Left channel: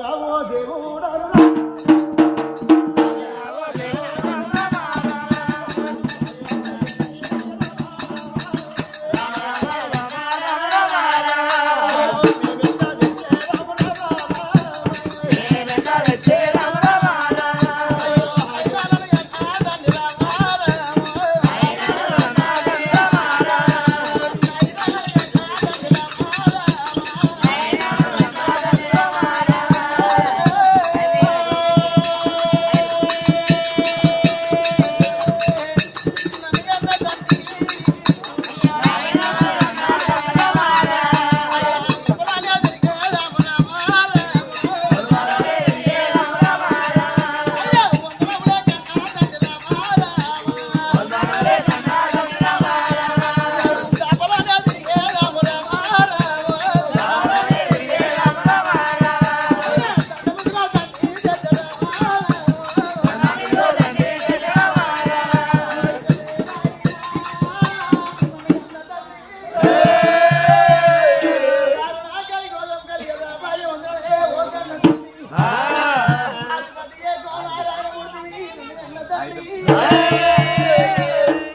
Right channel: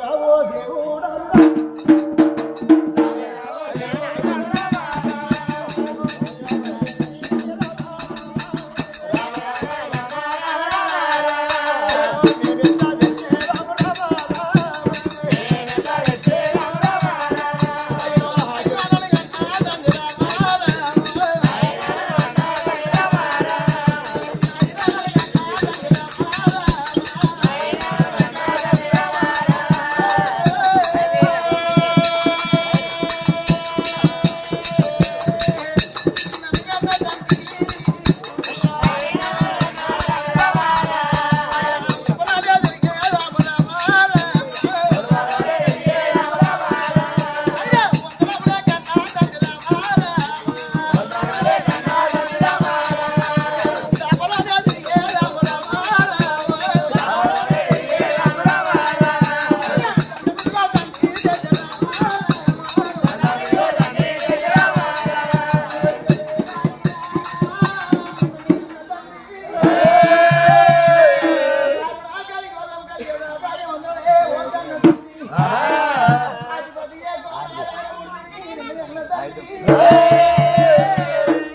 రావో దేవుడా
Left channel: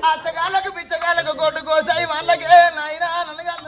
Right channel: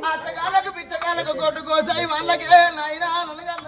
అచ్చగాళ్ళకు పిచ్చగాళ్ళకు కొట్టు కోసాయి వాళ్ళకే నాయనా నన్నగన్న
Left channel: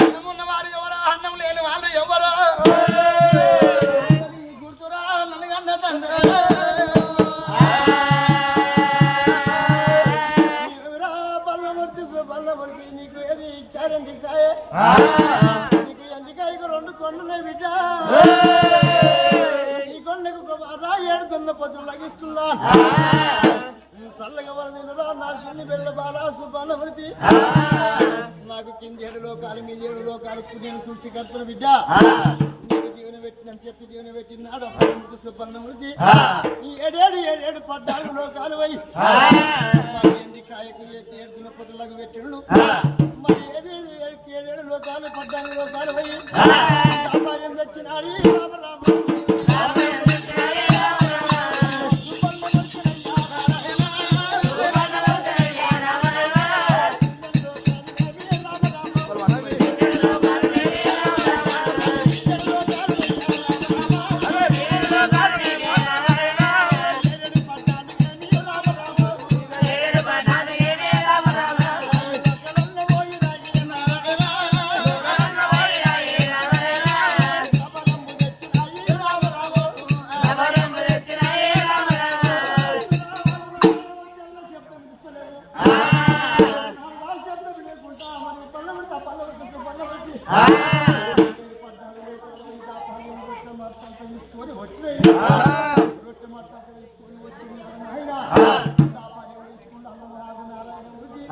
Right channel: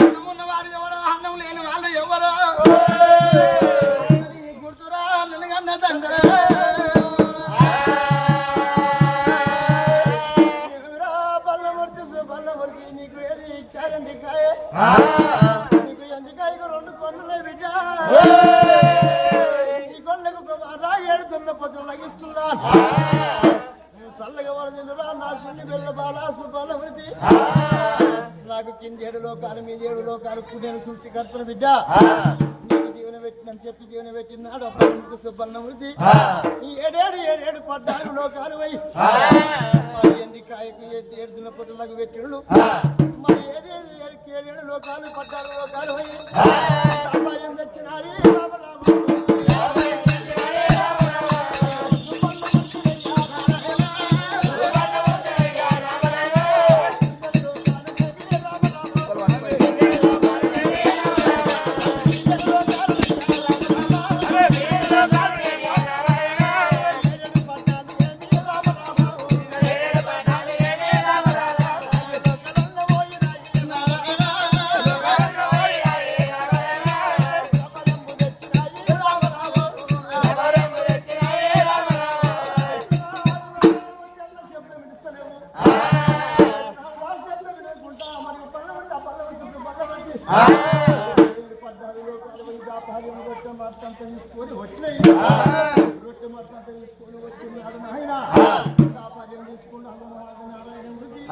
అన్నమున్నవాడు ఎవరో అన్నం లేని వాళ్ళు ఎవరో గుర్తురా నన్నగన్న తండ్రి బల్లమూర్తి నీకు ఏది ఇచ్చారండి కాయ నీకు ఎండికాయకు 2 కొండలే బిడ్డ ఈ కొండకు రాయేడు దున్న పొద్దులు లగిస్తున్నాను చల్ల ఎవరు తినరా నా సున్ని బెల్ల బాలాసు బల్లమూర్తి నాకు కింది 7 లోకాలు మీ 7 లోకాలు పుణ్యను సృష్టికర్తను బిడ్డ నీకు జీవన పెట్టినని చెప్పి జీవన పెట్టినాడు అప్పుడు సుబ్బన్నమూర్తి ఈ 7 14 లోకాలు పోయి మరి ఎండికాయకు 7 దినపతులకు పెట్టిండు మరి ఏదేది 7 లోకాలు 14 లోకాలు పోయి వ్యాపారం తెచ్చినారు తీసుకొని వచ్చినాయి రొట్టె మట్టంతా తీసుకొని వచ్చినాడు నాయన వ్యాపారం తీసుకున్నాడు నారాయణ వృద్ధి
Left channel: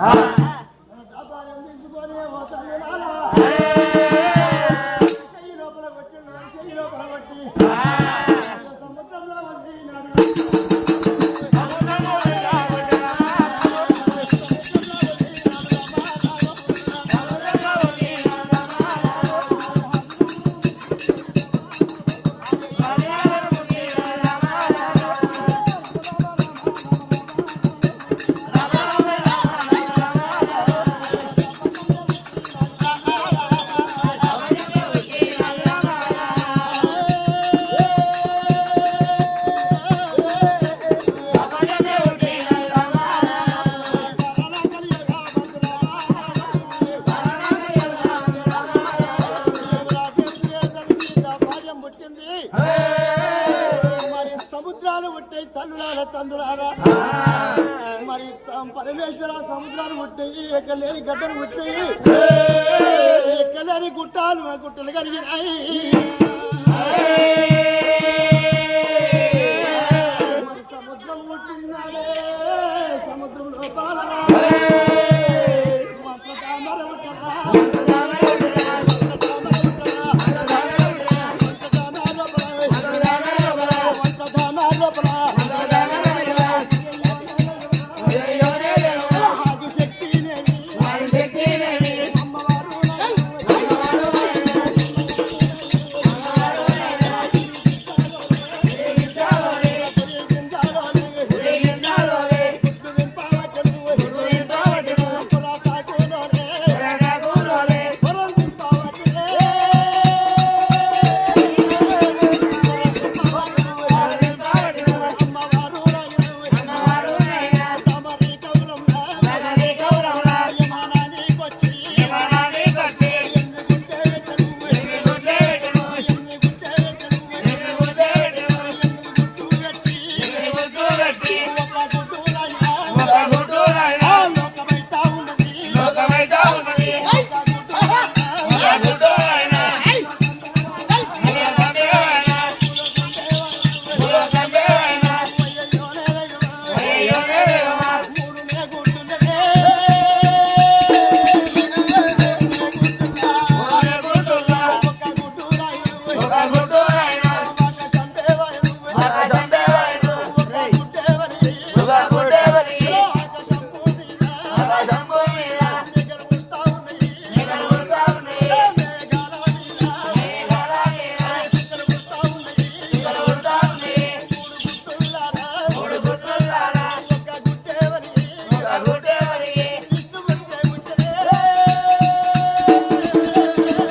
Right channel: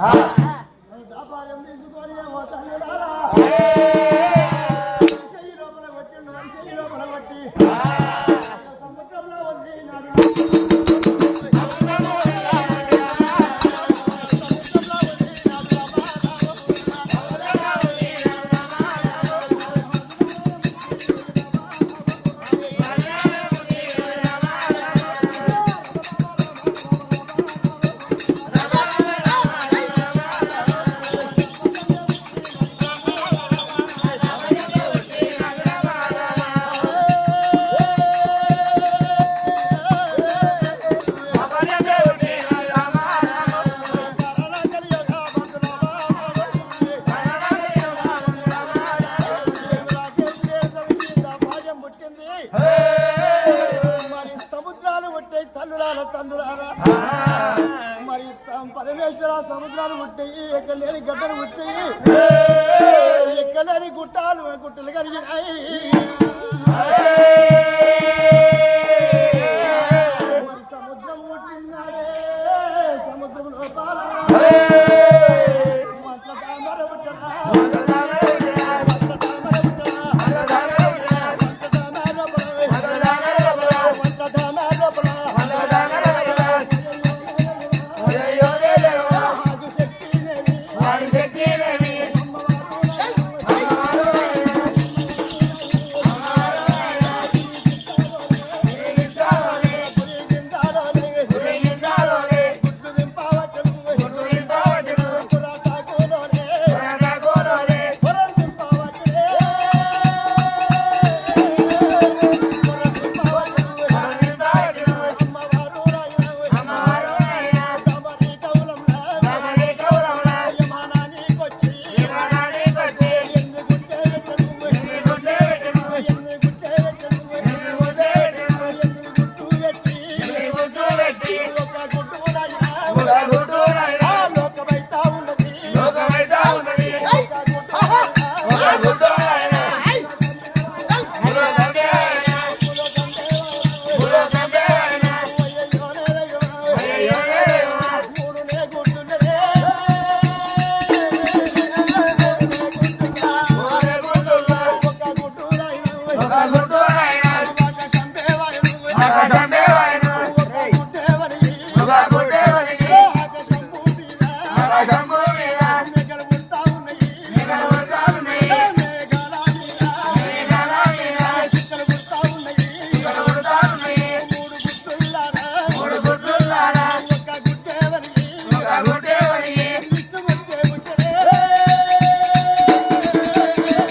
వ్యాపారం తీసుకొని చెయ్యి లోపల కొట్టిండు చెయ్యి లోపల కొట్టి సముద్రంలో వదిలినాడు మరి పరమేశ్వర సముద్రాలు పుట్టాయి ఎక్కలేని గడ్డలు పుట్టాయి ఎక్కలేని గుట్టలు కలిగినాయి